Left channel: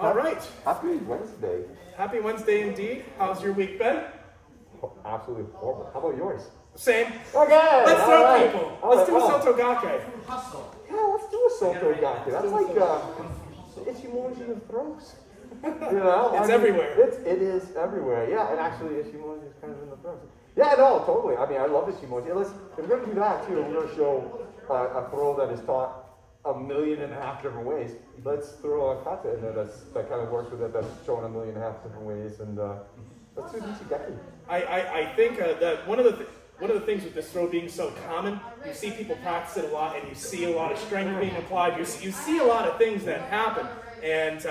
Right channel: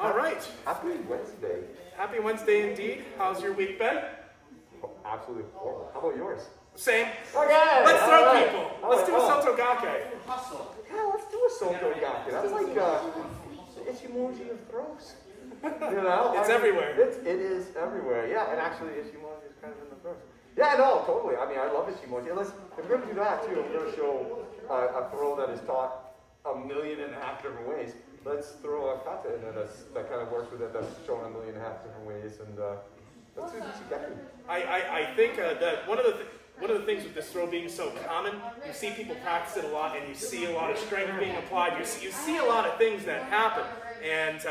All right. Happy Wednesday. Happy Wednesday indeed. How's your week been? Absolutely horrible. How about yours? Same. Okay. Let's throw people. Let's do Osoto Gake. Yeah, let's do Osoto Gake. That's like the Ichimoji of throws. You know? It's everywhere. It is everywhere. Yeah, and actually Ichimoji is kind of in the throws. Yeah, no, totally. I mean, I love Ichimoji. If we're going to do that too, we're going to show a throw that is taught 1.5 million different ways. Let's throw a kata in there that kind of works with it, that's shown 1.5 million different ways, and let's do Nichigeki. I think that one of the things with this throw being so common, you see people practice it a lot, and you see a lot of strength being applied. You see a lot of things that happen, and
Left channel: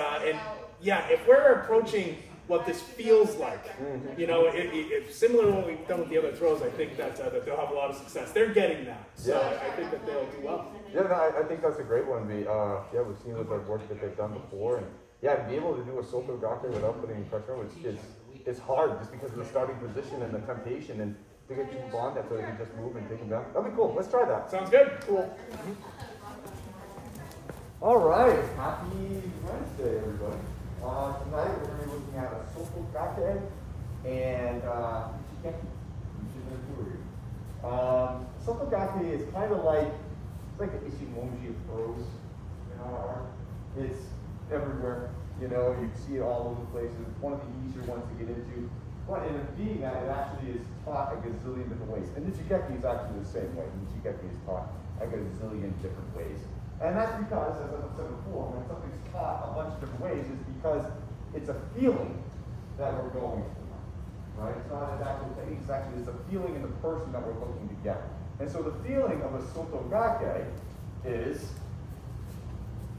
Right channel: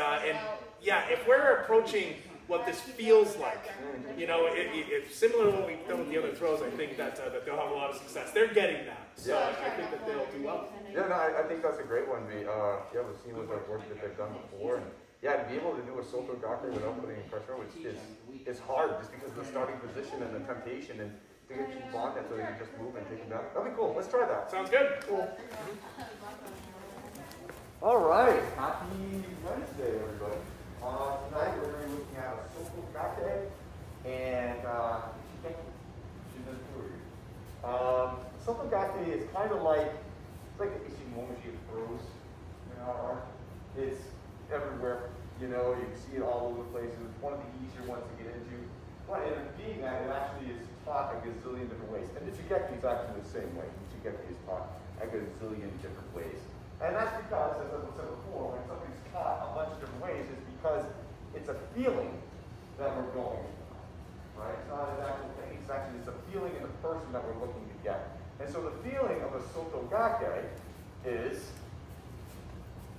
yeah, if we're approaching what this feels like, you know, it's similar to what we've done with the other throws. I think that they'll have a lot of success. They're getting that, so yeah. I think that they'll do well. Yeah, no, I think that's a great one. Yeah, we've seen with the work that they've done before, and yeah, to be able to do a Osoto Gake without putting pressure on it's hard just because of the starting position and the temptation, and to get people on that so they can just move and take them down. That'd be cool. Let's try that. Sounds good. Cool. All right. Happy Wednesday, everybody. Tonight we're going to be looking at Osoto Gake and Nichigeki, which is the two of you. Osoto Gake is kind of like the Ichimoji of throws in our art. It's everywhere. You know, you can see it all over the place. It's one of the easier ones to get into. But in being that, it actually is taught a gazillion different ways. And Nichigeki is actually the same way. Nichigeki is taught a gazillion different ways. And that's because, as I said before, when something's taught a bunch of different ways, it's because it's a feeling that we're going for. Right? It's not an actual thing. It's actually a feeling in the person that we're looking to get. And so the feeling of a Osoto Gake is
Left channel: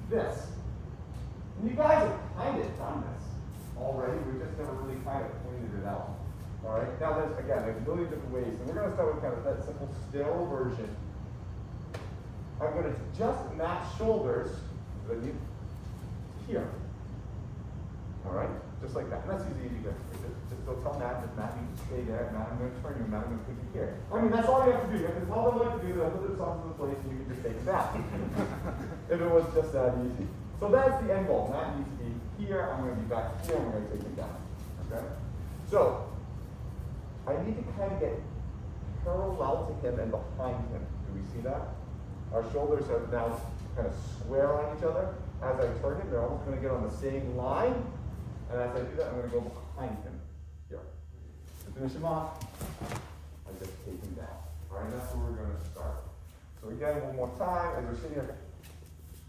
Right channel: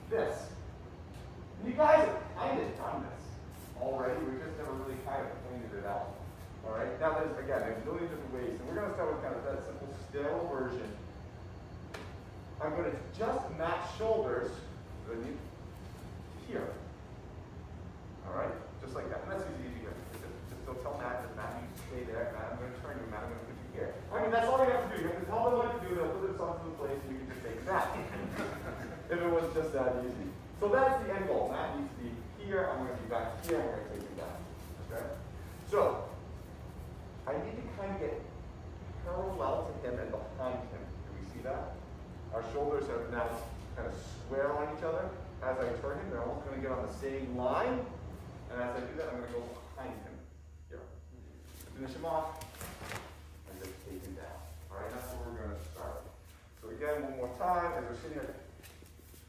this. And you guys have kind of done this already. We've just never really kind of pointed it out. All right. Now there's a million different ways, and we're going to start with kind of that simple still version. I'm going to just match shoulders here. All right, just like that. And that's easy to do. Just don't tell Matt. Just Matt needs to stay there. Matt, I'm going to turn you. Matt, I'm going to put you here. I mean, that's all you have to do. You have to tell them what to do. They'll put themselves in the place, and you can just take them down. If it was just that easy. So that's the end goal. Matt needs to be here. I'm going to be back here. And we're going to take him down. Okay. So I need to kind of get parallel to him and behind him. Do we see that? Our shoulders are now kind of square on each other. As I turn him, they're almost going to get on the same line. And as I do that, I'm going to go behind him. Here. To finish him off, I just take him down. All right, and that's where we're going to start. So again, one more time, as we're sitting here,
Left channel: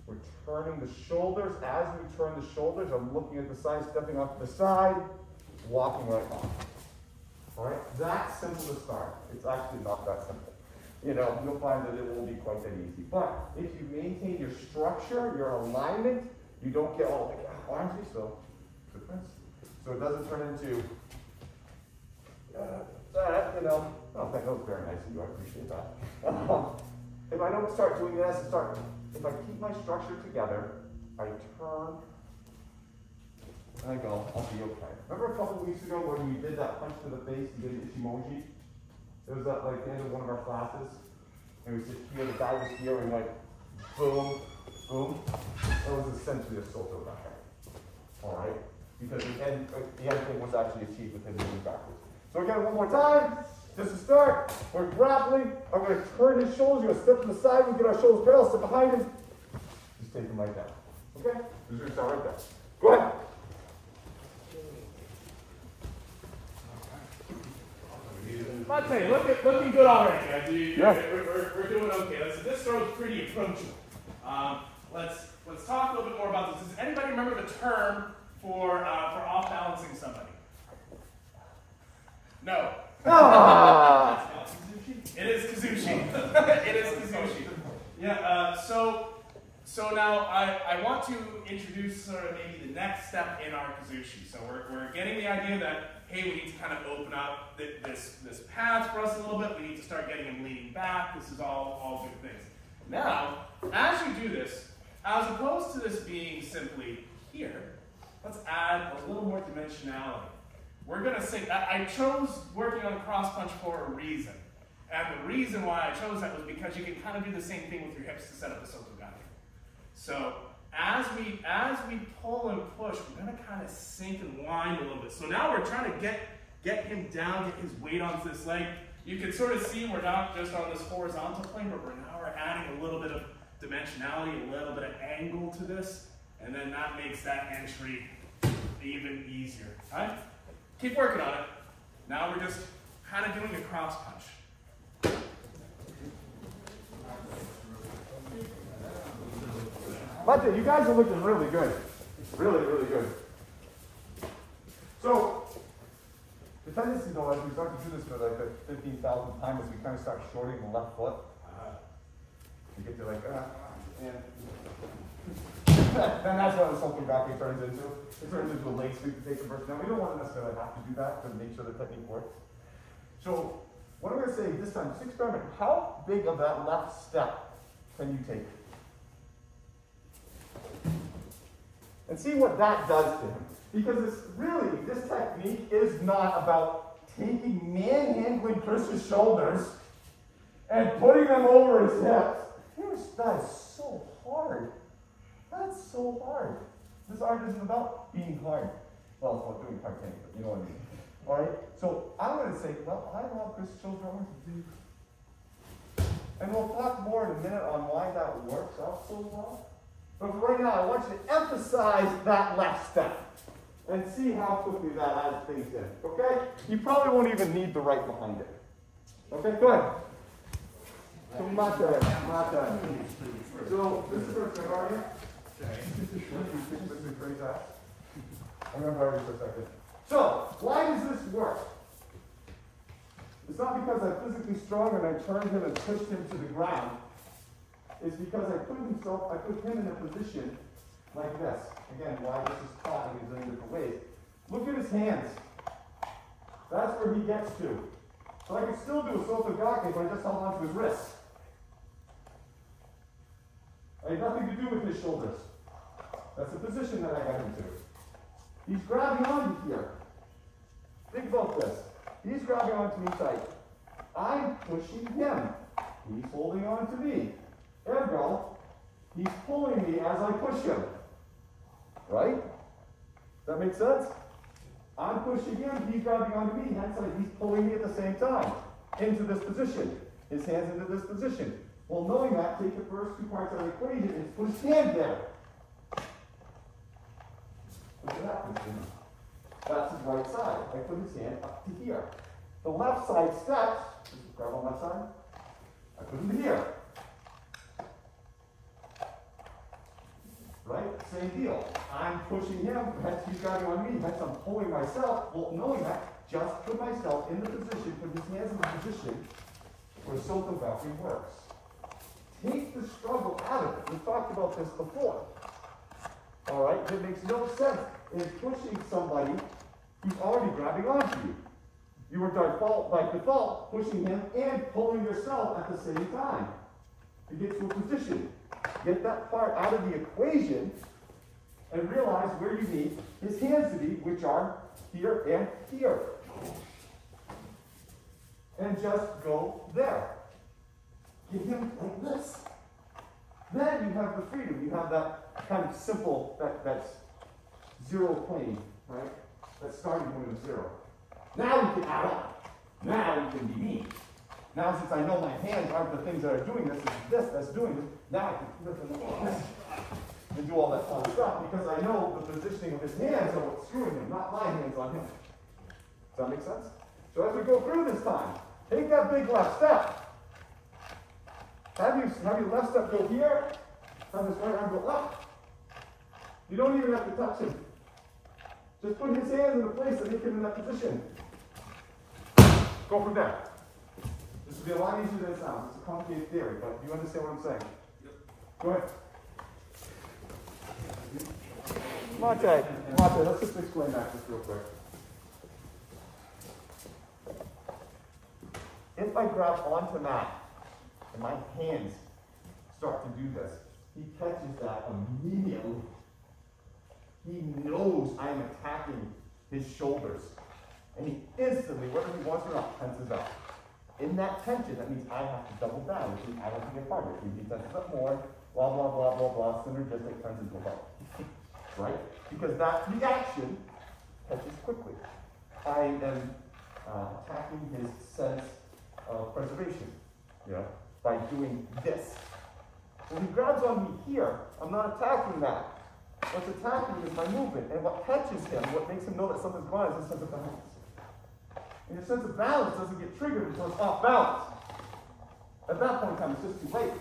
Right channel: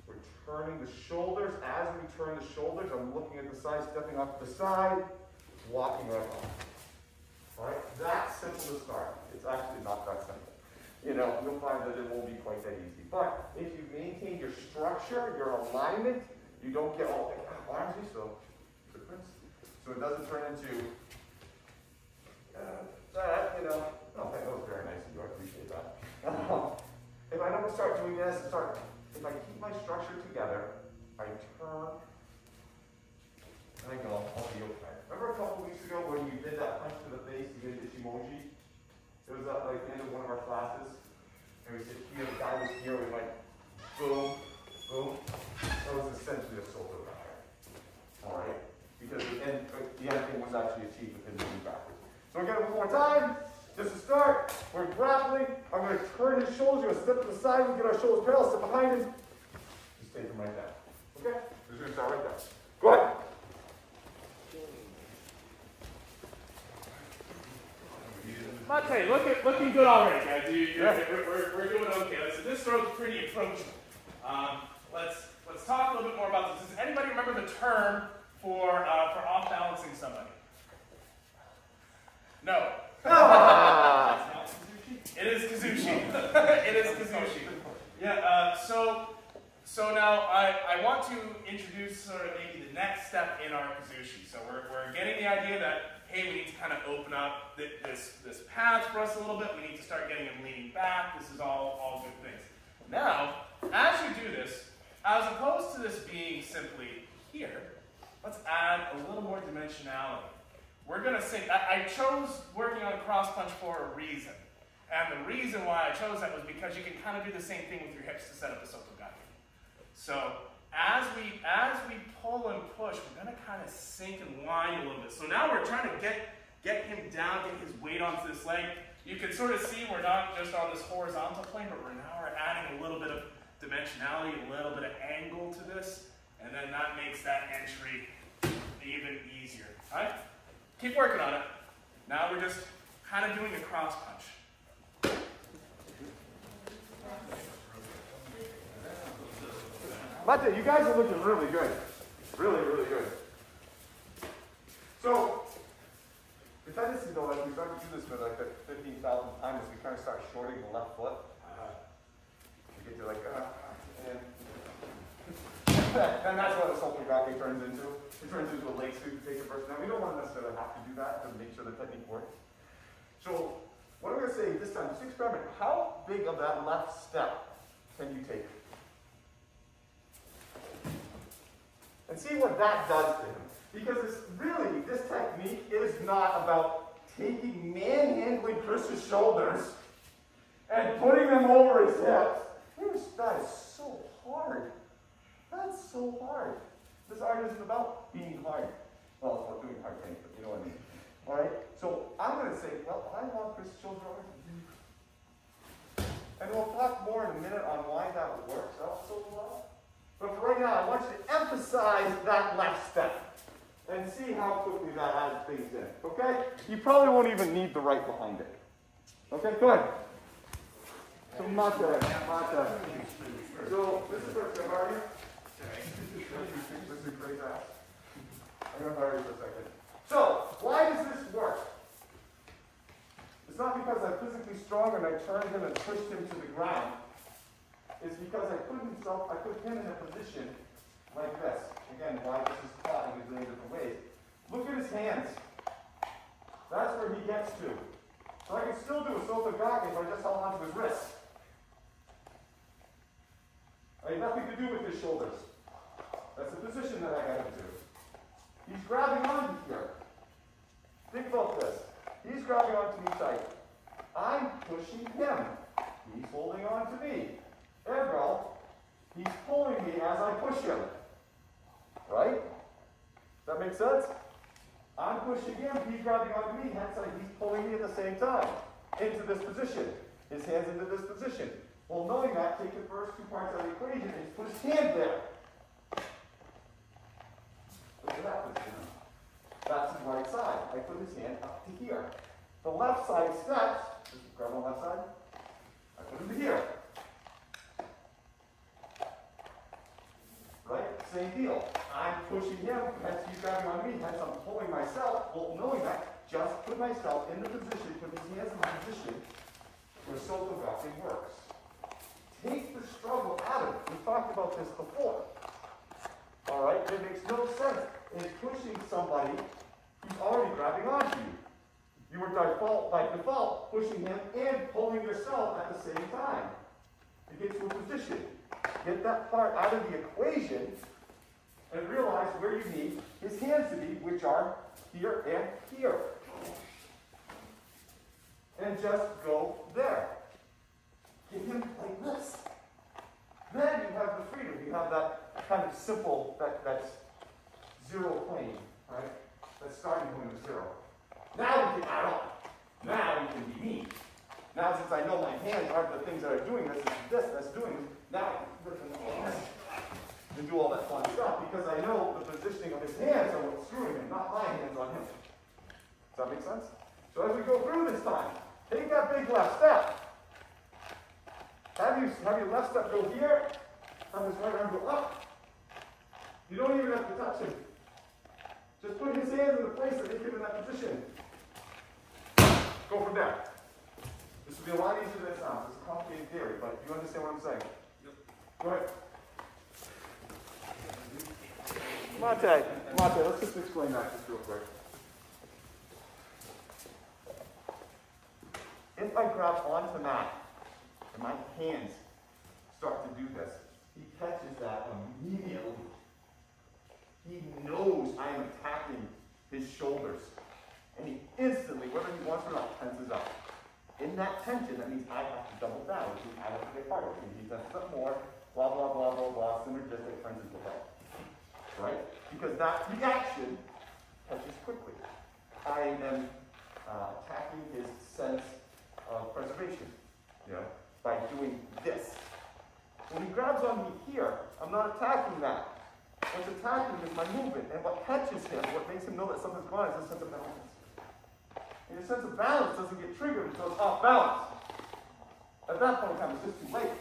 we're turning the shoulders. As we turn the shoulders, I'm looking at the side, stepping off to the side, walking right off. All right, that's simple to start. It's actually not that simple. You know, you'll find that it won't be quite that easy. But if you maintain your structure, your alignment, you don't get all like arms, so difference. So it doesn't turn into that, you know. Oh, that was very nice of you. I appreciate that. If I don't start doing this, if I keep my structure together, I turn, and I go, I'll be okay. Remember a couple weeks ago when we did that punch to the face, you did Ichimoji? It was at like the end of one of our classes, and we said here, the guy was here, and like, boom, boom. That was essentially a Osoto Gake. All right? Because the end thing was actually achieved with him moving backwards. So again, one more time, just to start, we're grappling. I'm going to turn his shoulders, you're going to step to the side, we get our shoulders parallel, step behind him. Just take him right down. Okay? We're going to start right there. Go ahead. Mate, looking good already. We're doing okay. This throw's pretty approachable. Let's talk a little bit more about this. Does anybody remember the term for off balancing somebody? No. Ah. It is kazushi. It is kazushi. Yeah. So now I want to introduce maybe the next step in our kazushi. So we're getting the idea that, hey, we need to kind of open up this path for us a little bit. We need to start getting him leaning back. This is all good things. Now, as you do this, as opposed to this being simply here, let's add a little more dimensionality. We're going to say, I chose working on cross punch for a reason. And the reason why I chose that was because you can kind of do the same thing with your hips to set up the Osoto Gake. So as we pull and push, we're going to kind of sink and wind a little bit. So now we're trying to get him down, get his weight onto this leg. You can sort of see we're not just on this horizontal plane, but we're adding a little bit of dimensionality, a little bit of angle to this, and then that makes that entry even easier. All right? Keep working on it. Now we're just kind of doing the cross punch. Mate, you guys are looking really good. Really, really good. So, the tendency though, as we start to do this for like the 15,000th time, is we kind of start shorting the left foot. You get to like, and that's what Osoto Gake turns into. It turns into a leg sweep to take a burst. Now, we don't want to necessarily have to do that to make sure the technique works. So, what I'm going to say this time, just experiment. How big of that left step can you take? And see what that does to him. Because it's really, this technique is not about taking manhandling Chris's shoulders and putting them over his hips. That is so hard. That's so hard. This art isn't about being hard. Well, it's about doing hard things, but you know what I mean. All right? So I'm going to say, well, I want Chris's shoulder arms to do. And we'll talk more in a minute on why that works out so well. But for right now, I want you to emphasize that left step and see how quickly that adds things in. Okay? You probably won't even need the right behind it. Okay, good. So mate. So this is what's going to happen. I'm going to borrow you for a second. So, why does this work? It's not because I'm physically strong and I turned him and pushed him to the ground. It's because I put him in a position like this. Again, why this is taught in a million different ways. Look at his hands. That's where he gets to. So I can still do Osoto Gake, but I just held on to his wrists. I had nothing to do with his shoulders. That's the position that I got into. He's grabbing onto here. Think about this. He's grabbing onto me tight. I'm pushing him. He's holding on to me. Ergo, he's pulling me as I push him. Right? Does that make sense? I'm pushing him, he's grabbing onto me, hence he's pulling me at the same time into this position. His hands into this position. Well, knowing that, take the first two parts of the equation and put his hand there. What happens to him? That's his right side. I put his hand up to here. The left side steps. Just grab on the left side. I put him to here. Right? Same deal. I'm pushing him, hence he's grabbing on me, hence I'm pulling myself. Well, knowing that, just put myself in the position, put his hands in the position where Osoto Gake works. Take the struggle out of it. We talked about this before. All right? It makes no sense in pushing somebody who's already grabbing onto you. You are by default pushing him and pulling yourself at the same time to get to a position. Get that part out of the equation and realize where you need his hands to be, which are here and here. And just go there. Get him like this. Then you have the freedom. You have that kind of simple, that's zero plane, right? That starting point of zero. Now you can add on. Now you can be me. Now, since I know my hands aren't the things that are doing this, it's this that's doing this, now I can flip them and do all that fun stuff because I know the positioning of his hands are what's screwing him, not my hands on him. Does that make sense? So as we go through this time, take that big left step. Have your left step go here, have this right arm go up. You don't even have to touch him. Just put his hands in the place that make him in that position. Go from there. This will be a lot easier than it sounds. It's a complicated theory, but you understand what I'm saying? Yep. Go ahead. Mate, let's just explain that just real quick. If I grab onto Matt and my hands start to do this, he catches that immediately. He knows I'm attacking his shoulders. And he instantly, whether he wants or not, tenses up. In that tension, that means I have to double down, which means I have to get harder, which means he tenses up more, blah, blah, blah, blah, blah, synergistic turns into a fight. Right? Because that reaction catches quickly. I am attacking his sense of preservation, by doing this. When he grabs on me here, I'm not attacking that. What's attacking is my movement, and what catches him, what makes him know that something's going on is a sense of balance. And the sense of balance doesn't get triggered until it's off balance. At that point in time, it's just too late.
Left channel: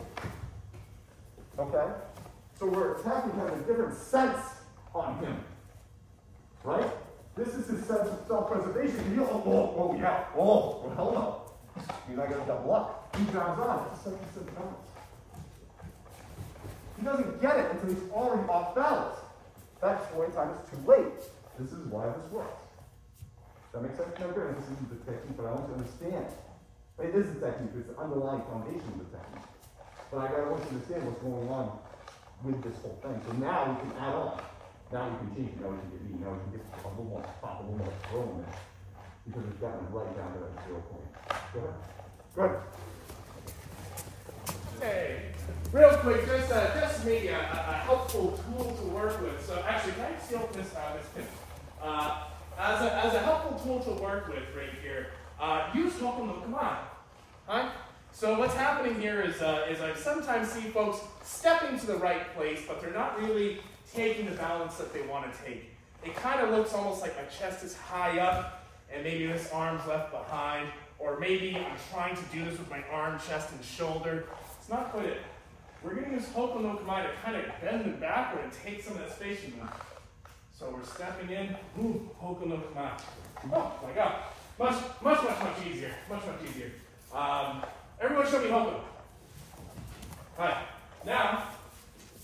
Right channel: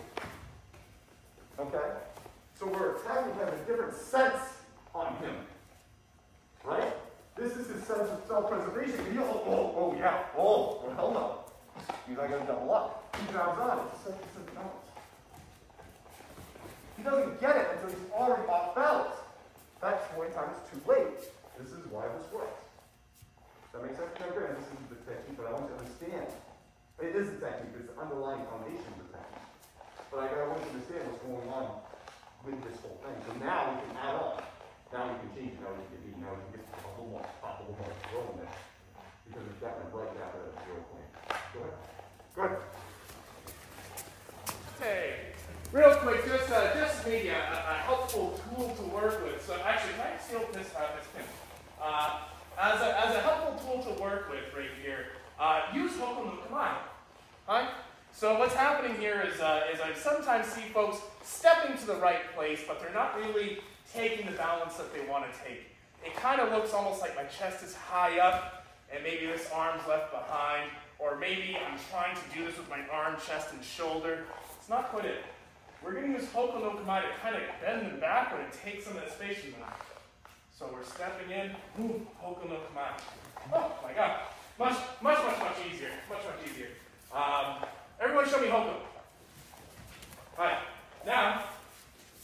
Okay? So we're attacking him in a different sense on him. Right? This is his sense of self-preservation. And you yeah. Oh, well, hell no. He's not going to double up. He grabs on it. It's a sense of balance. He doesn't get it until he's already off balance. That point in time is too late. This is why this works. Does that make sense? No, good. This isn't the technique, but I want you to understand. It is the technique. It's the underlying foundation of the technique. But I want you to understand what's going on with this whole thing. So now we can add on. Now we can change it. Now we can get mean. Now we can get a little more, pop a little more throw in this. Because it's gotten right down to that 0 point. Go ahead. Good. Hey, real quick, just maybe a helpful tool to work with. So actually, can I steal this pin? As a helpful tool to work with right here, use Hoku no Kamae. Right? So what's happening here is I sometimes see folks stepping to the right place, but they're not really taking the balance that they want to take. It kind of looks almost like my chest is high up, and maybe this arm's left behind, or maybe I'm trying to do this with my arm, chest, and shoulder. It's not quite it. We're going to use Hoku no Kamae to kind of bend it backward and take some of that space from them. So we're stepping in, boom, Hoku no Kamae. Oh my God, much easier, much easier. Everyone show me Hoku. All right, now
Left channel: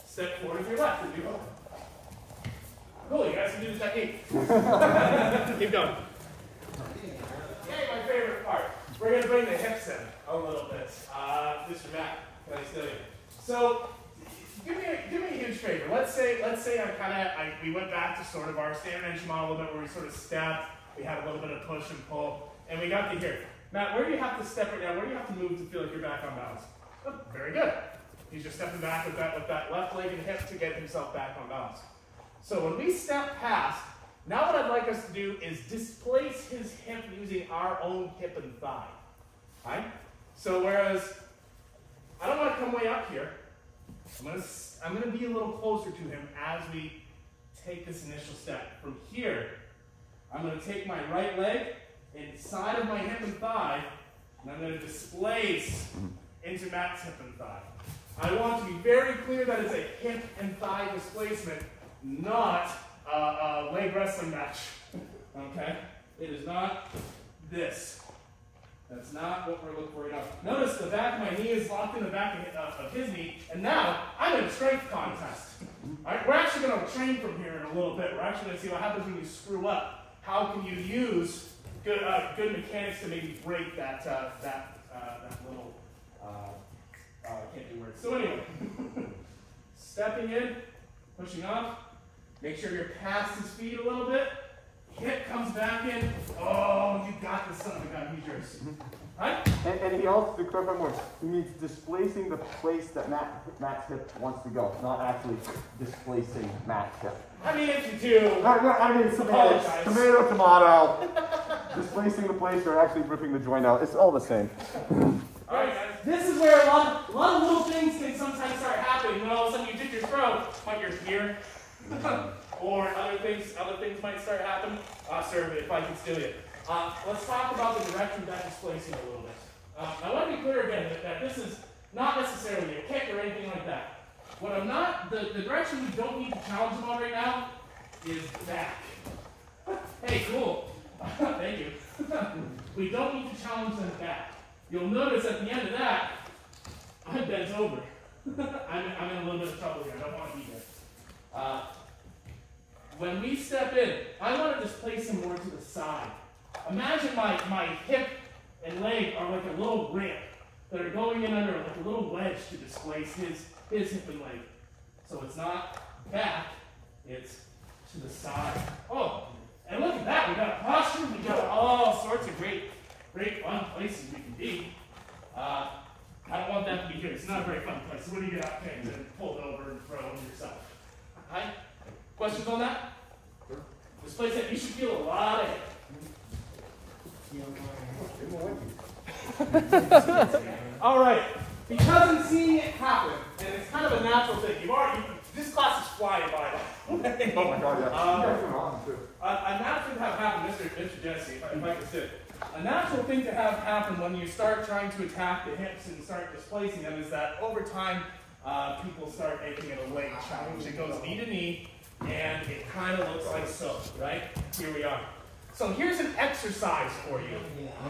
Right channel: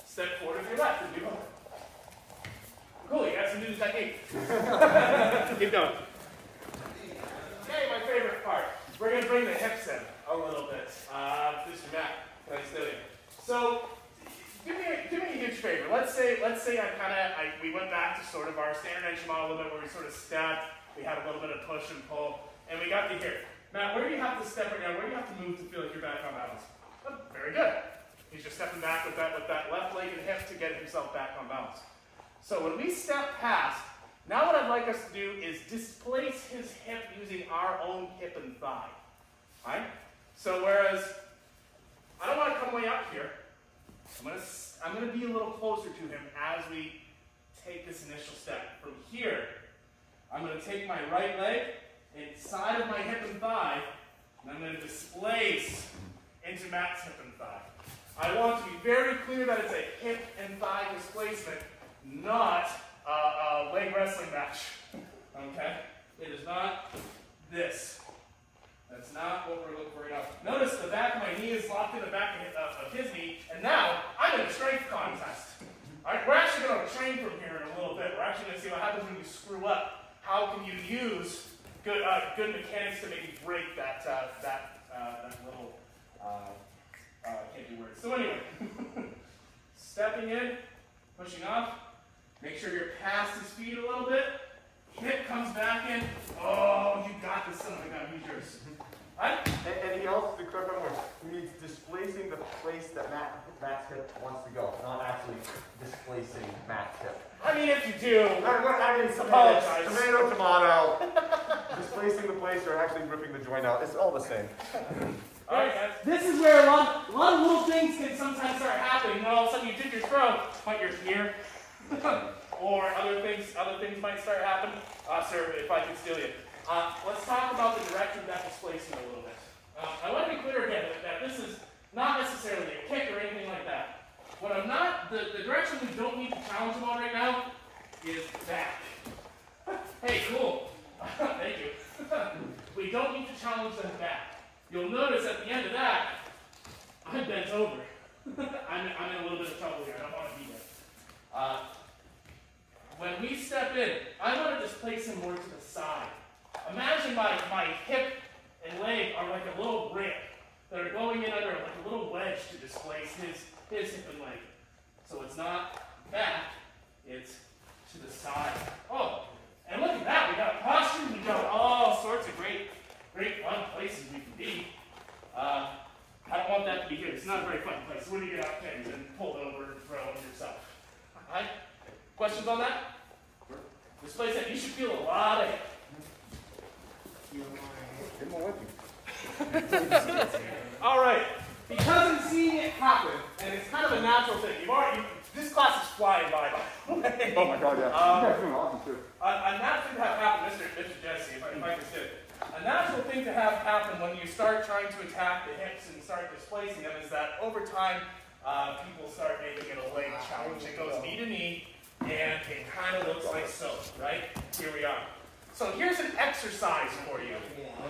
step forward to your left and do Hoku. Cool, you guys can do the technique. Keep going. Hey, my favorite part. We're going to bring the hips in a little bit. Mr. Matt, can I study? So, do me a huge favor. Let's say we went back to sort of our standard edge model a little bit where we sort of stepped, we had a little bit of push and pull, and we got to here. Matt, where do you have to step right now? Where do you have to move to feel like you're back on balance? Oh, very good. He's just stepping back with that left leg and hip to get himself back on balance. So when we step past, now what I'd like us to do is displace his hip using our own hip and thigh. All right? So whereas I don't want to come way up here, I'm going to be a little closer to him as we take this initial step. From here, I'm going to take my right leg inside of my hip and thigh, and I'm going to displace into Matt's hip and thigh. I want to be very clear that it's a hip and thigh displacement, not a leg wrestling match. Okay? It is not this. That's not what we're looking for right now. Notice the back of my knee is locked in the back of his knee, and now I'm in a strength contest. All right? We're actually going to train from here in a little bit. We're actually going to see what happens when we screw up. How can you use good mechanics to maybe break that little can't be word. So anyway, stepping in, pushing up. Make sure you're past his feet a little bit. Hip comes back in. Oh, you got this, son of a gun. He's yours. Right? And he also, to clarify more, he means displacing the place that Matt's hip wants to go, not actually displacing Matt's hip. I mean, if you do. No, I mean, tomato. Displacing the place or actually ripping the joint out. It's all the same. All right, guys. This is where a lot of little things can sometimes start happening. You know, all of a sudden you dip your throat, but you're here. Or other things might start happening. Sir, if I can steal you. Let's talk about the direction of that displacing a little bit. I want to be clear again that this is not necessarily a kick or anything like that. What I'm not, the direction we don't need to challenge him on right now is back. Hey, cool. Thank you. We don't need to challenge them back. You'll notice at the end of that, I bent over. I'm in a little bit of trouble here. I don't want to be here. When we step in, I want to displace him more to the side. Imagine my hip and leg are like a little ramp that are going in under like a little wedge to displace his hip and leg. So it's not back, it's to the side. Oh, and look at that. We got a posture. We got all sorts of great great fun places we can be. I don't want that to be here. It's not a very fun place. What do you get out there and pull it over and throw it yourself? All right? Questions on that? This place that you should feel a lot of. All right. Because I'm seeing it happen, and it's kind of a natural thing. This class is flying by. Oh my God, yeah. A natural thing to have happen, Mr. Jesse, if I can say it. A natural thing to have happen when you start trying to attack the hips and start displacing them is that over time, people start making it a leg challenge. It goes knee to knee, and it kind of looks like so, right? Here we are. So here's an exercise for you.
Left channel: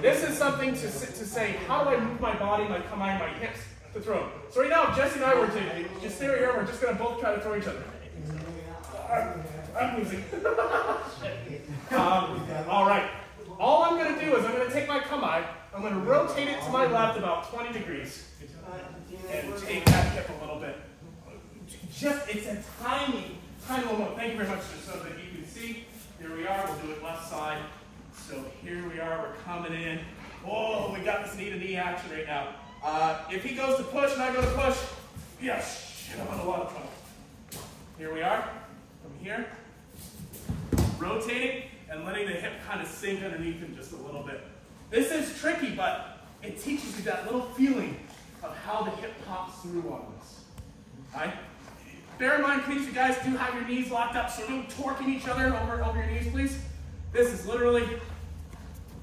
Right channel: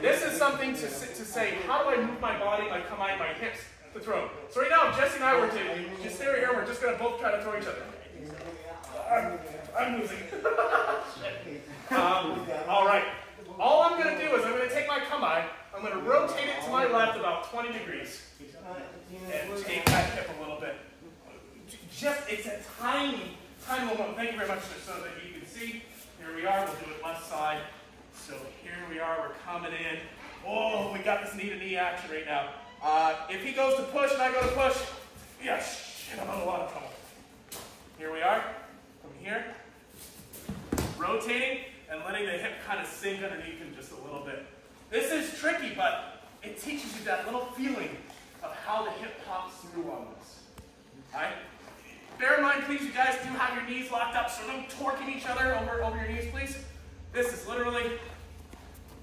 This is something to say, how do I move my body, my hips to throw? So right now, if Jesse and I were to just stay right here, we're just going to both try to throw each other. I'm losing. All right. All I'm going to do is I'm going to take my kamae, I'm going to rotate it to my left about 20 degrees, and take that hip a little bit. It's a tiny little. Thank you very much, just so that you can see. Here we are, we'll do it left side. So here we are, we're coming in. Oh, we got this knee-to-knee action right now. If he goes to push and I go to push, yes, I'm on a lot of trouble. Here we are, from here. Rotating and letting the hip kind of sink underneath him just a little bit. This is tricky, but it teaches you that little feeling of how the hip pops through on this. All right? Bear in mind, please, you guys do have your knees locked up, so don't torquing each other over your knees, please. This is literally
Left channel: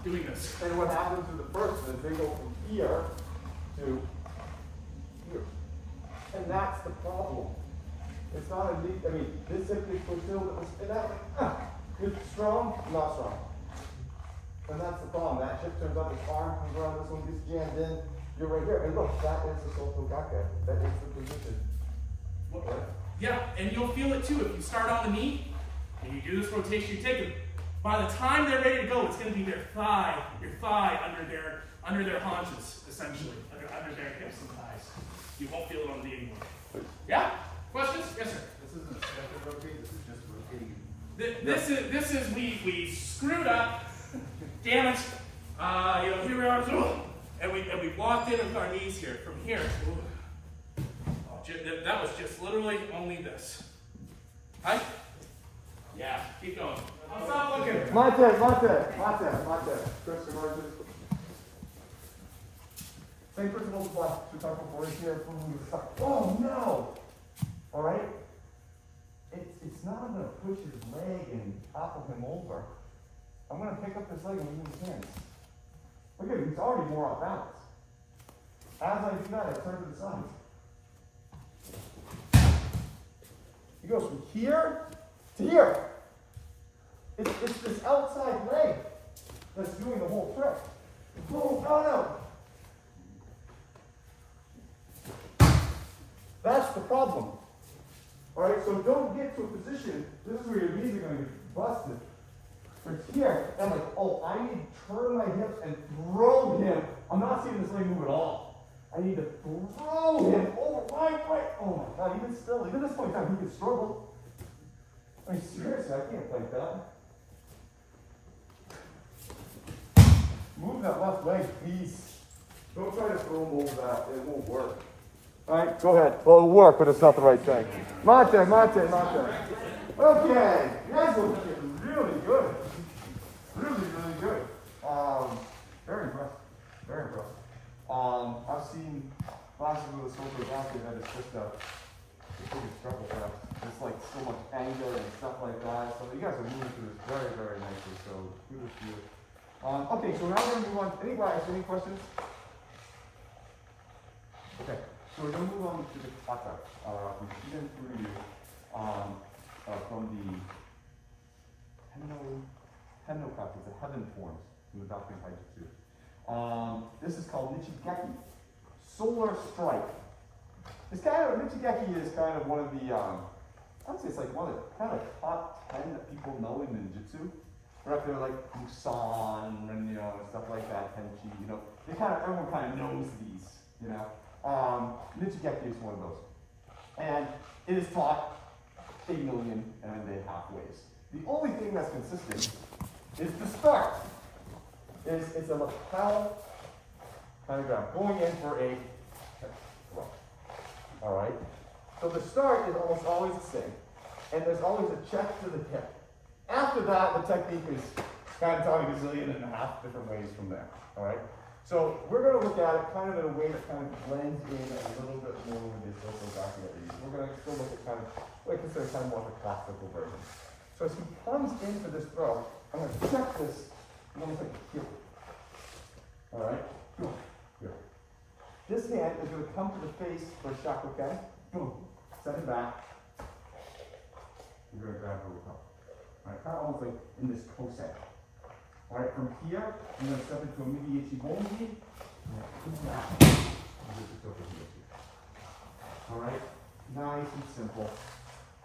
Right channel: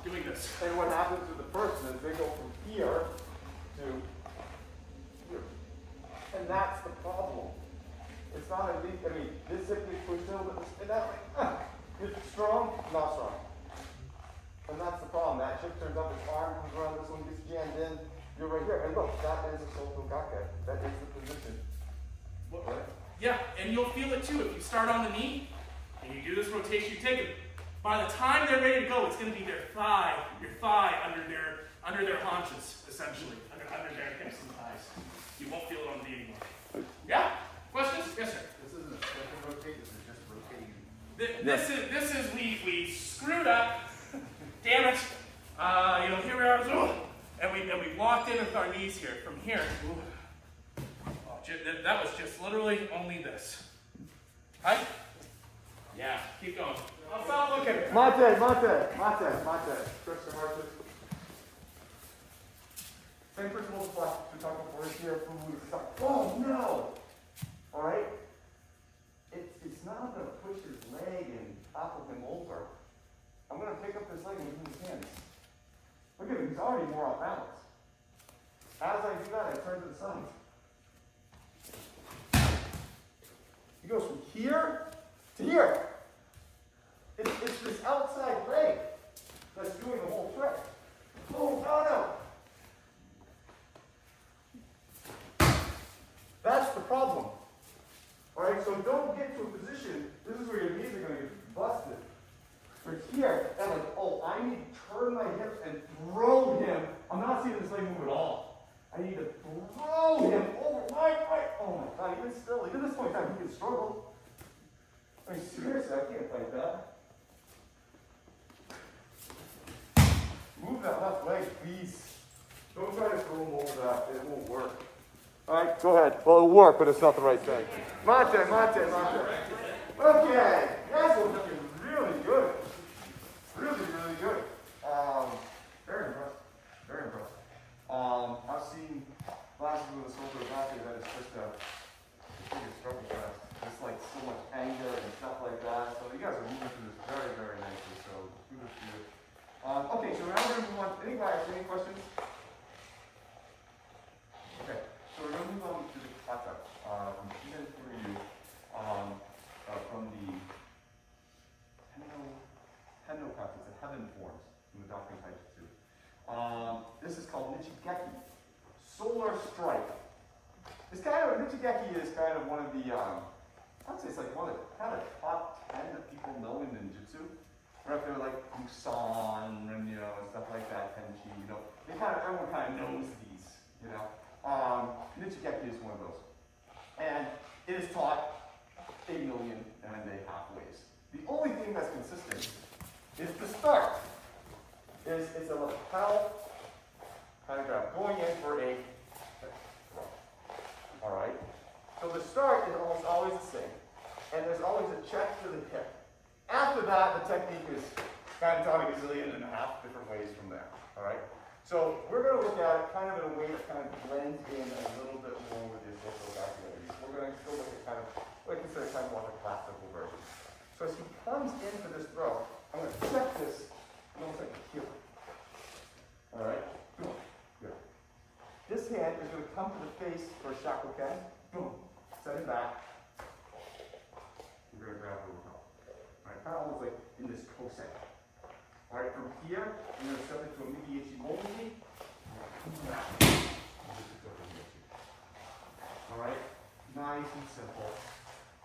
doing this. And what happens to the person is they go from here to here. And that's the problem. It's not a knee, this hip gets pushed over, and that way, it's strong, not strong. And that's the problem. That hip turns up, its arm comes around, this one gets jammed in, you're right here. And look, that is the Osoto Gake. That is the position. Yeah, and you'll feel it too. If you start on the knee and you do this rotation, you take it. By the time they're ready to go, it's going to be your thigh under their haunches, essentially, under their hips and thighs. You won't feel it on the knee anymore. Yeah? Questions? Yes, sir. This isn't a rotate. This is just rotating. This is we screwed up, damaged. Here we are, and we walked in with our knees here. From here. That was just literally only this. Huh? Yeah, keep going. I'll stop looking. Mate. Stretch the margin. Same principle applies to talk before here. Oh no! Alright? It's not I'm going to push his leg and topple him over. I'm going to pick up this leg and move his hands. Look at him, he's already more off balance. As I do that, I turn to the side. He goes from here to here. It's this outside leg that's doing the whole trick. Boom, no. That's the problem. Alright, so don't get to a position, this is where your knees are going to get busted. Right here, and like, oh, I need to turn my hips and throw him. I'm not seeing this leg move at all. I need to throw him over my right. Oh my God, even still, even at this point in time, he can struggle. I mean, seriously, I can't fight that. Move that left leg, please. Don't try to throw him over that. It won't work. All right, go ahead. Well, it'll work, but it's not the right thing. Mate. Okay, you guys are looking really good. Really good. Very impressive. Very impressive. I've seen classes with Osoto Gake that is just a biggest struggle fest. It's like so much anger and stuff like that. So you guys are moving through this very, very nicely. So kudos to you. Okay, so now we're going to move on. Any questions? Okay, so we're going to move on to the kata from Shigen Kuryu from the Henno kata, the heaven forms from the Doctrine of Taijutsu. This is called Nichigeki, Solar Strike. It's Nichigeki is kind of one of the, I would say it's like one of the kind of top 10 that people know in ninjutsu. Right up there like Musan and and stuff like that, Tenchi, everyone kind of knows these, Nichigeki is one of those. And it is taught 8 million and a half ways. The only thing that's consistent is the start. is it's a lapel kind of grab, going in for a throw. All right? So the start is almost always the same, and there's always a check to the hip. After that, the technique is kind of taught a gazillion and a half different ways from there. All right? So we're going to look at it kind of in a way that kind of blends in a little bit more with the Osoto Gake Nichigeki. We're going to go look at kind of what I consider kind of more of a classical version. So as he comes in for this throw, I'm going to check this almost like here. All right? Boom. Here. This hand is going to come to the face for a shakoken. Boom. Send it back. You're going to grab where we come. All right? Kind of almost like in this kosei. All right, from here, I'm going to step into a midi ichibonji. All right, nice and simple.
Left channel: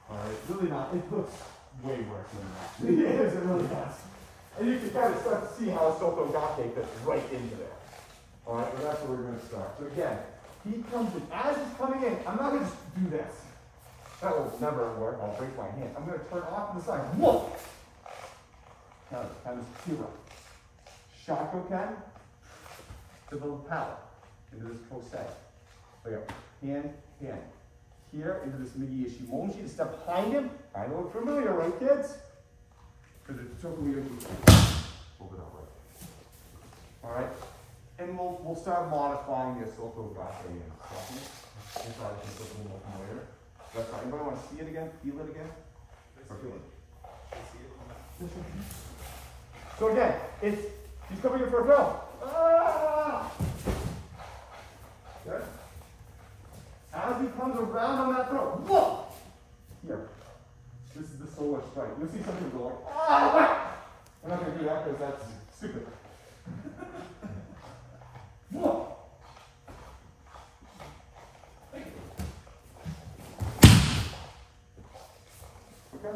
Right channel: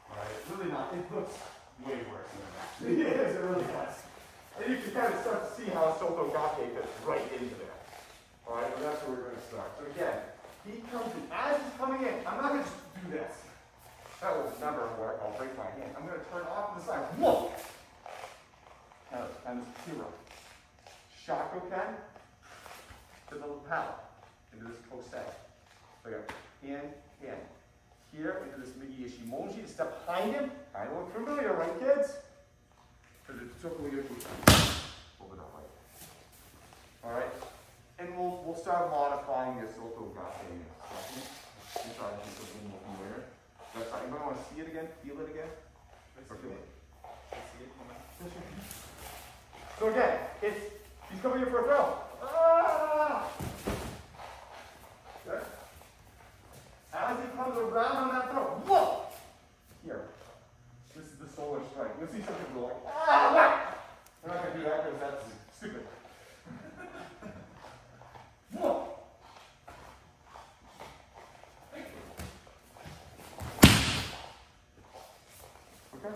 All right, really not, it looks way worse than it actually is, it really does. And you can kind of start to see how Osoto Gake fits right into there. All right, so that's where we're going to start. So again, he comes in, as he's coming in, I'm not going to just do this. That will never work, I'll break my hand. I'm going to turn off to the side, whoa! Now it's kind of zero. Shakoken to the lapel, into this kosei. So yeah, hand, hand. Here into this midi ichimonji, to step behind him. I look familiar, right kids? Hold it out right. All right, and we'll start modifying this Osoto Gake. I thought it was a little more familiar. That's not. Anybody want to see it again? Feel it again? Or feel it? So again, he's coming in for a throw. Ah! Good. As he comes around on that throw, whoa! Here. This is the solar strike. You'll see some people go like, ah, what? I'm not going to do that because that's stupid. Whoa! Okay.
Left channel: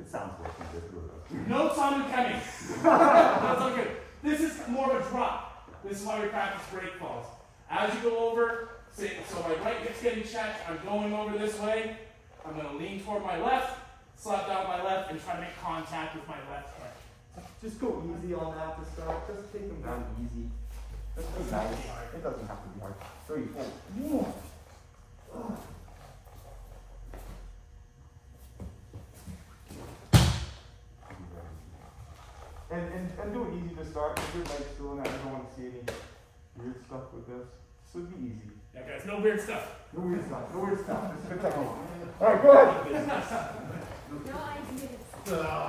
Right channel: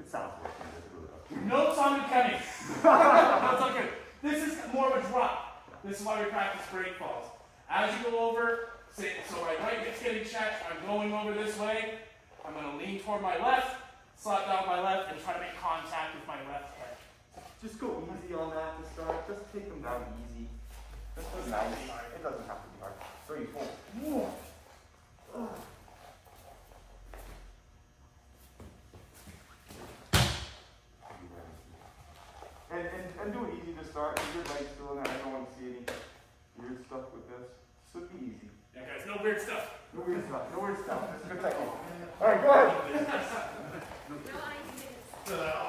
It sounds working, it really does. Notes on the penny. That's okay. This is more of a drop. This is why we practice break falls. As you go over, so my right hip's getting checked, I'm going over this way. I'm going to lean toward my left, slap down my left, and try to make contact with my left hip. Just go easy on that to start. Just take them down easy. That's nice. It doesn't have to be hard. 3, 4. And do it easy to start. If your leg's still in there, I don't want to see any weird stuff with this. This would be easy. Yeah, guys, no weird stuff. No weird stuff. No weird stuff. It's good technique. All right, go ahead.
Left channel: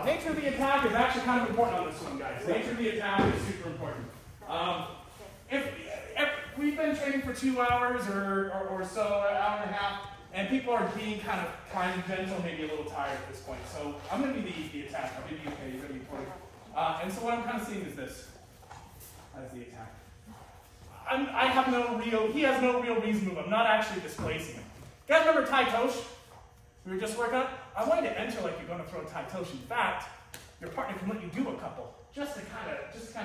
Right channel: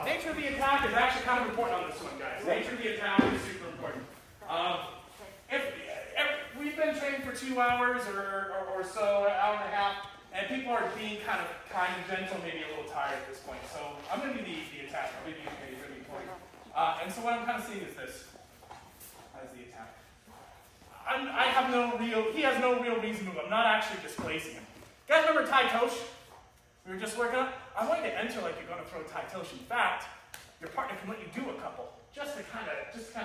Nature of the attack is actually kind of important on this one, guys. Nature of the attack is super important. If we've been training for 2 hours or so, an hour and a half, and people are being kind of gentle, maybe a little tired at this point. So I'm going to do the attack. I'm going to be okay. You're going to be important. And so what I'm kind of seeing is this as the attack. He has no real reason to move. I'm not actually displacing him. You guys remember Tai Tosh? We were just working on? I want you to enter like you're going to throw Tai Tosh. In fact, your partner can let you do a couple. Just to kind of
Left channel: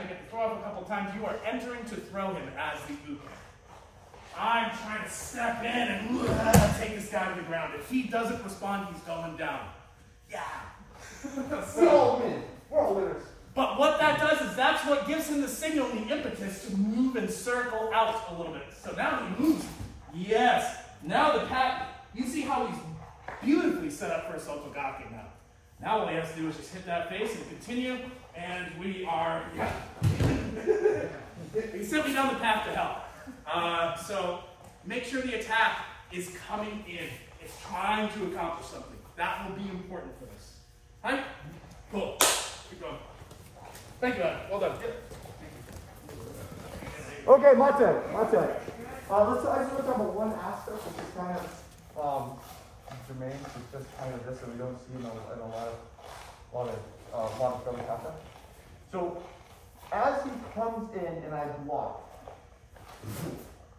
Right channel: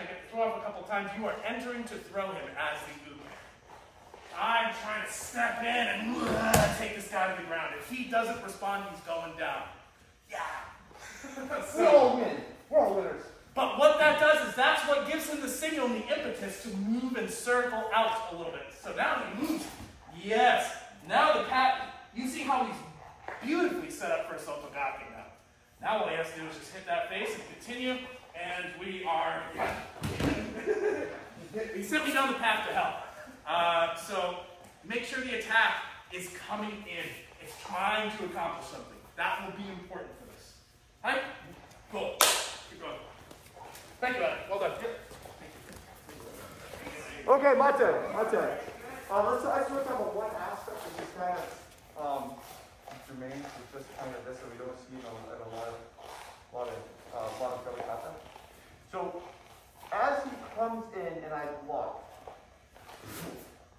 get the throw up a couple times. You are entering to throw him as the uke. I'm trying to step in and take this guy to the ground. If he doesn't respond, he's going down. Yeah. We're all winners. We're all winners. But what that does is that's what gives him the signal and the impetus to move and circle out a little bit. So now he moves. Yes. Now the pattern. You see how he's beautifully set up for Osoto Gake now. Now all he has to do is just hit that face and continue. And we are simply down the path to hell. So make sure the attack is coming in. It's trying to accomplish something. That will be important for this. Right? Cool. Keep going. Thank you, Adam. Well done. Okay, my turn. I just want to talk about one aspect which is kind of germane. It's just kind of this that we don't see in a lot of other kata. So as he comes in and I block,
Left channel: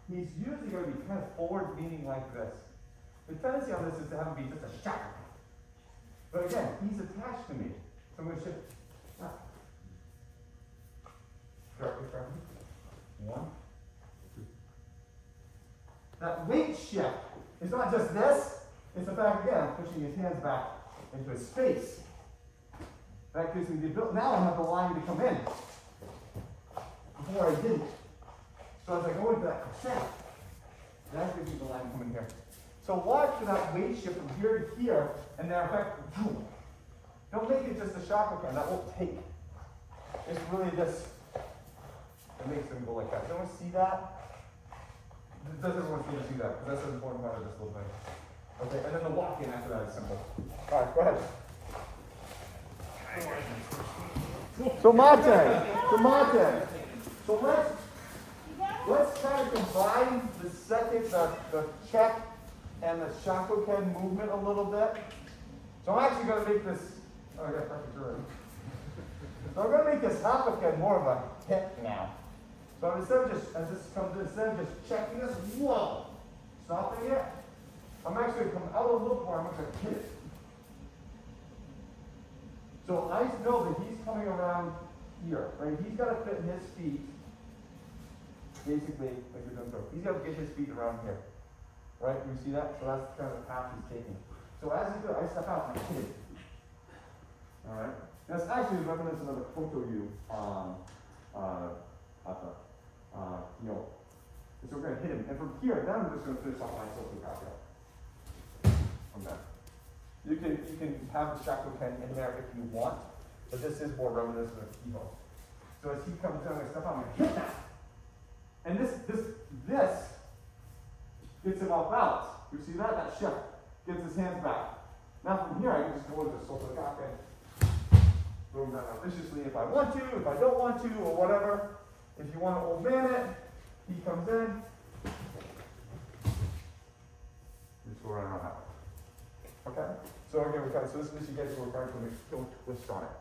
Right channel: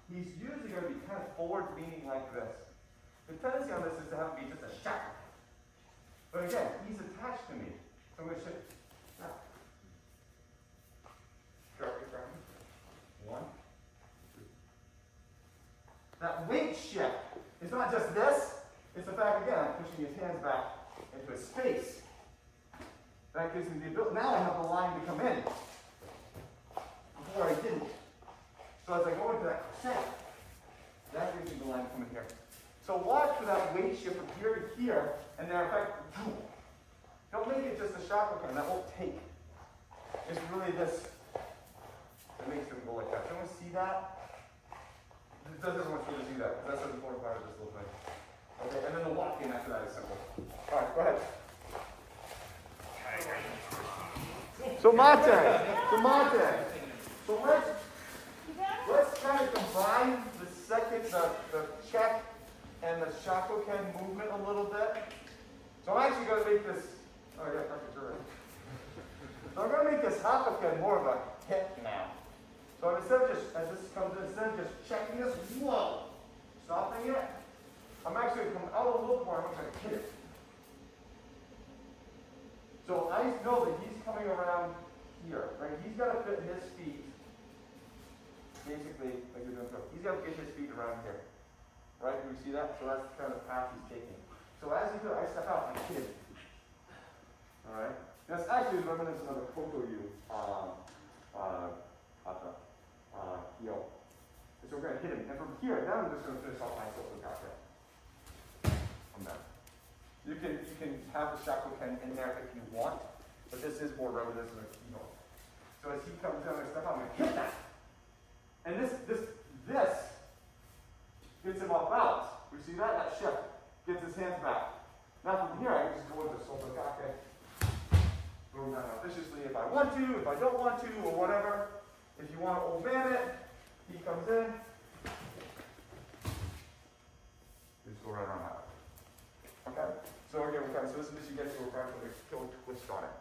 he's usually going to be kind of forward leaning like this. The tendency on this is to have him be just a shot. But again, he's attached to me. So I'm going to shift. Sharply from me. 1, 2. That weight shift is not just this, it's the fact again, pushing his hands back into a space. That gives me the ability. Now I have the line to come in. Before I didn't. So as I go into that set, that gives you the line coming here. So watch for that weight shift from here to here, and then in fact, boom. Don't make it just a shakokan, that won't take. It's really this that makes them go like that. Does anyone see that? Does everyone really see that? Because that's an important part of this little thing. Okay, and then the walk in after that is simple. All right, go ahead. So mate. So let's kind of combine the check and the shakoken movement a little bit. So I'm actually going to make this, oh yeah, perfect already. So I'm going to make this hapaken more of a hit now. So instead of just, as this comes in, instead of just checking this, whoa, stopping it, I'm actually going to come out a little more, I'm going to hit it. So I know that he's coming around here, right? He's got to fit his feet, basically, like you're doing so. He's got to get his feet around here, right? Do you see that? So that's the kind of path he's taking. So as he goes, I step out and I hit it. All right? That's actually reminiscent of the koto-yu yo. So we're going to hit him. And from here, now I'm just going to finish off my Osoto Gake. I'm done. You can have the shakoken in there if you want, but this is more reminiscent of Kiho. So as he comes down, I step out and I hit that. And this gets him off balance. You see that? That shift gets his hands back. Now from here, I can just go into the Osoto Gake. Go down viciously if I want to, if I don't want to, or whatever. If you want to old man it, he comes in. Just go right around that way. Okay? So again, so this Nichigeki, we're trying to go twist on it.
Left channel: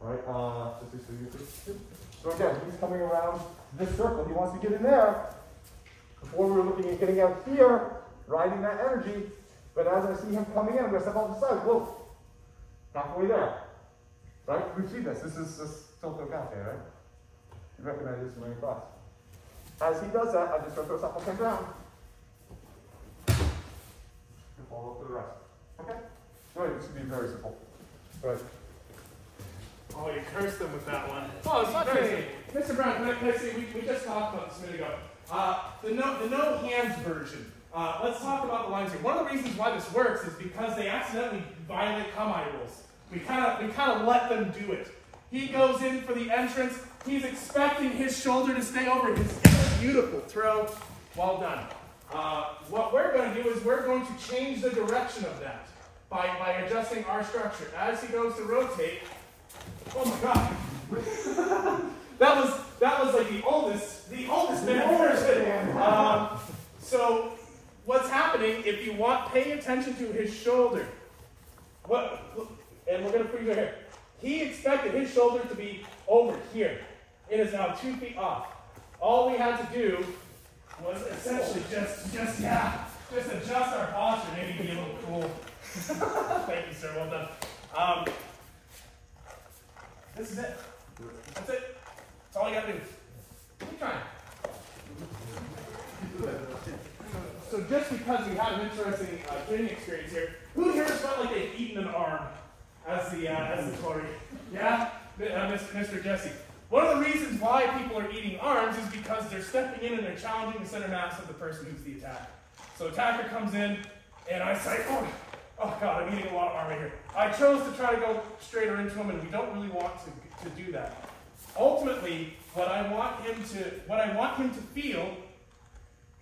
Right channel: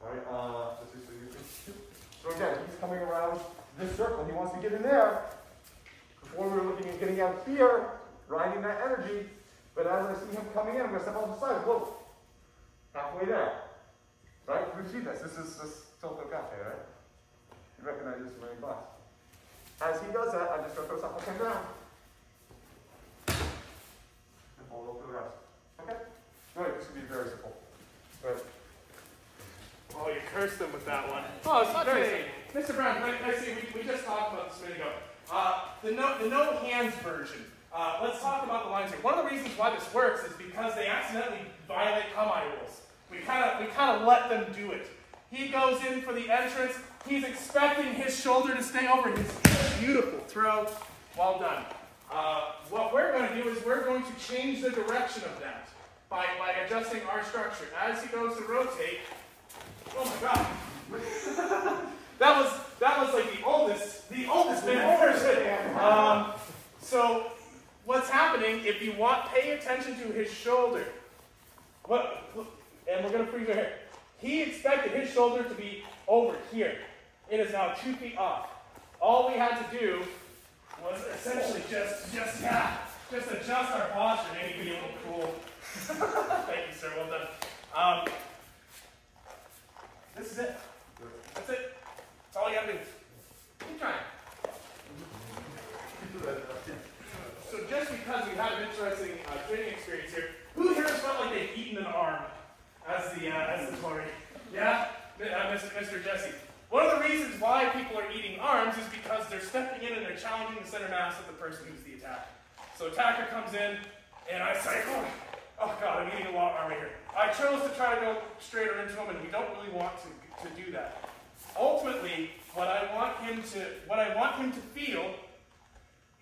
Alright? So again, he's coming around this circle. He wants to get in there. Before we were looking at getting out here, riding that energy. But as I see him coming in, I'm going to step off the side. Whoa. Halfway there. Right? We've seen this. This is Osoto Gake, right? You recognize this from any class. As he does that, I just go throw something down. And follow up for the rest. Okay? Good. This should be very simple. Good. Oh, you cursed him with that one. Oh, it's not crazy. Mr. Brown, can I say, we just talked about this a minute ago. The no hands version. Let's talk about the lines here. One of the reasons why this works is because they accidentally violate Kamae rules. We kind of let them do it. He goes in for the entrance. He's expecting his shoulder to stay over his beautiful throw. Well done. What we're going to do is we're going to change the direction of that by adjusting our structure. As he goes to rotate, oh my God, that was like the oldest man version. So what's happening? If you want, pay attention to his shoulder. And we're going to freeze right here. He expected his shoulder to be over here. It is now 2 feet off. All we had to do was essentially just adjust our posture, maybe be a little cool. Thank you, sir. Well done. This is it. That's it. That's all you got to do. Keep trying. So just because we had an interesting training experience here, who here felt like they've eaten an arm as the Tory? Yeah? Mr. Jesse. One of the reasons why people are eating arms is because they're stepping in and they're challenging the center mass of the person who's the attacker. So attacker comes in, and I say, oh God, I'm eating a lot of arm right here. I chose to try to go straighter into him, and we don't really want to do that. Ultimately, what I want him to feel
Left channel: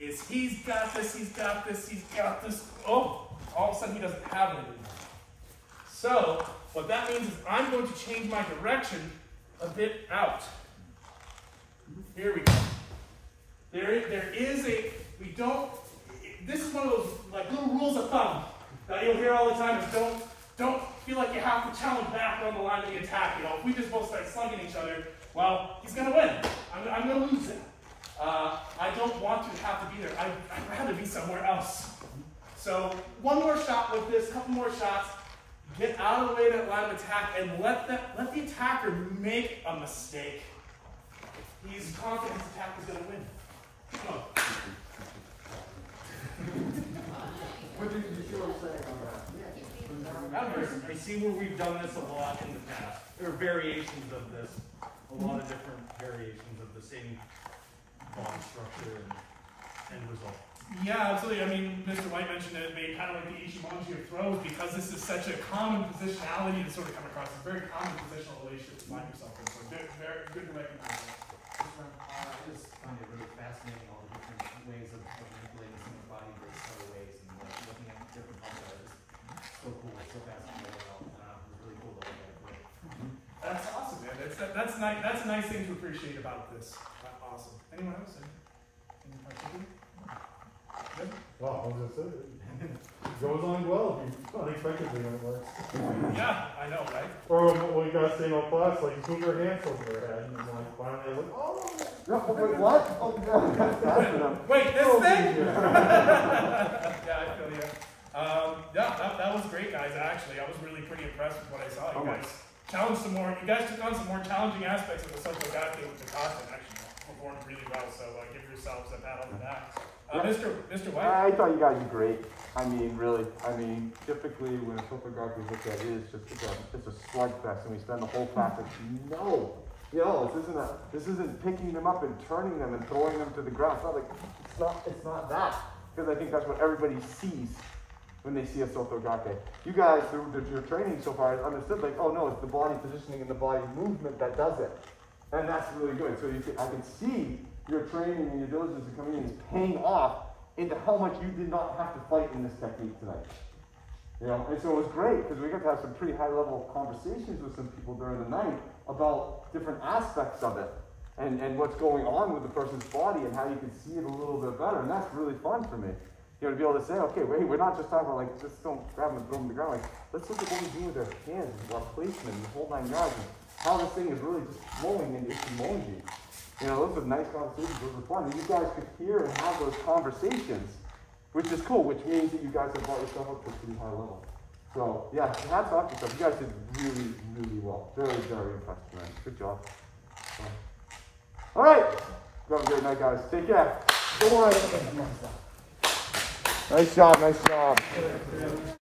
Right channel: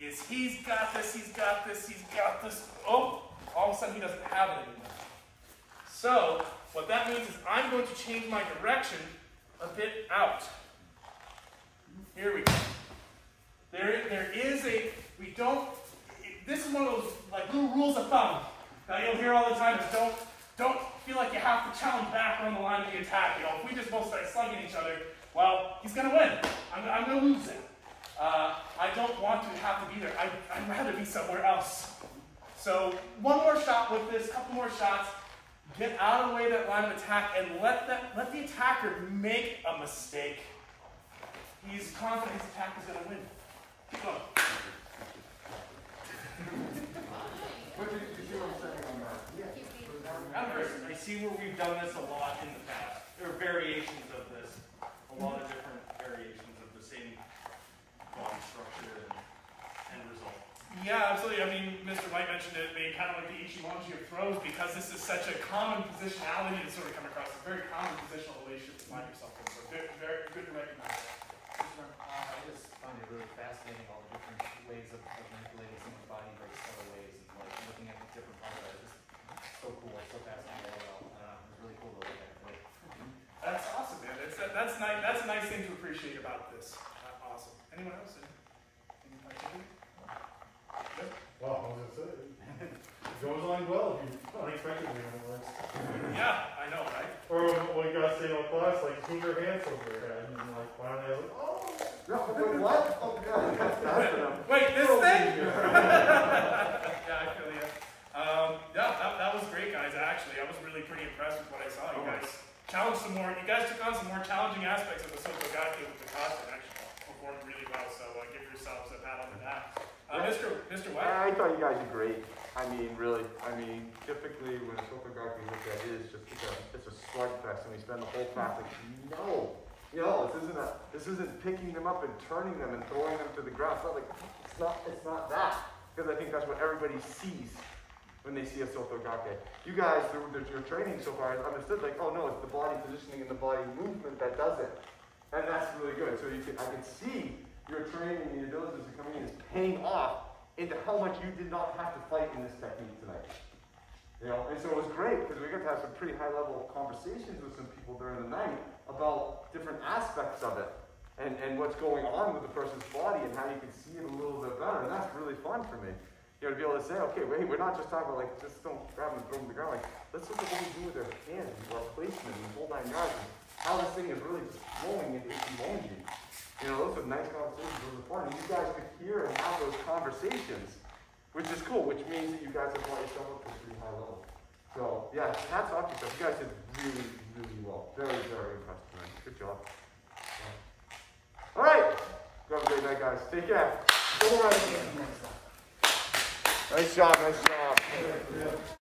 is he's got this, he's got this, he's got this. Oh, all of a sudden he doesn't have it anymore. So what that means is I'm going to change my direction a bit out. Here we go. There is this is one of those like little rules of thumb that you'll hear all the time. Is don't feel like you have to challenge back on the line of the attack. You know, if we just both start slugging each other, well, he's going to win. I'm going to lose it. I don't want to have to be there. I'd rather be somewhere else. So one more shot with this, couple more shots. Get out of the way of that line of attack and let the attacker make a mistake. He's confident his attack is going to win. Keep going. What did you see what I'm saying on that? I see where we've done this a lot in the past. There are variations of this. A lot of different variations of this. the same body structure and end result. Yeah, absolutely. I mean, Mr. White mentioned it being kind of like the ichimonji of throws, because this is such a common positionality to sort of come across. It's a very common positional relationship to find yourself in. So very, very good to recognize that. I just find it really fascinating, all the different ways of manipulating someone's body versus other ways, and like looking at different ones that are just so cool, so fascinating. It's really cool to look at. That's awesome, man. That's a nice thing to appreciate about this. Awesome. Anyone else? Any particular? Good? Well, I was gonna say, it goes on well unexpectedly when it works. Yeah, I know, right? Or when you guys say in class, like, move their hands over their head, and like, finally, I was like, oh! No, wait, what? Oh, yeah. Wait, this thing? Yeah, I feel you. Yeah, that was great, guys, actually. I was really pretty impressed with what I saw. You guys challenged some more, you guys took on some more challenging aspects of the Osoto Gake with the content, actually. Performed really well, so give yourselves a pat on the back. Mr. White? I thought you guys did great. I mean, really. I mean, typically when a Osoto Gake is looked at, it's a slugfest, and we spend the whole class like, no, this isn't picking them up and turning them and throwing them to the ground. It's not that, because I think that's what everybody sees when they see a Osoto Gake. You guys, your training so far has understood, like, oh no, it's the body positioning and the body movement that does it, and that's really good. So I can see your training and your diligence in coming in is paying off into how much you did not have to fight in this technique tonight. And so it was great, because we got to have some pretty high-level conversations with some people during the night about different aspects of it and what's going on with the person's body and how you can see it a little bit better. And that's really fun for me. To be able to say, okay, wait, we're not just talking about like, just don't grab them and throw them to the ground. Like, let's look at what we do with our hands, our placement, and the whole 9 yards, and how this thing is really just flowing into ichimonji. Those are nice conversations, those are fun. And you guys could hear and have those conversations, which is cool, which means that you guys have brought yourself up to a pretty high level. So, yeah, hats off to yourself. You guys did really, really well. Very, very impressed tonight. Good job. All right. Have a great night, guys. Take care. Nice job, nice job.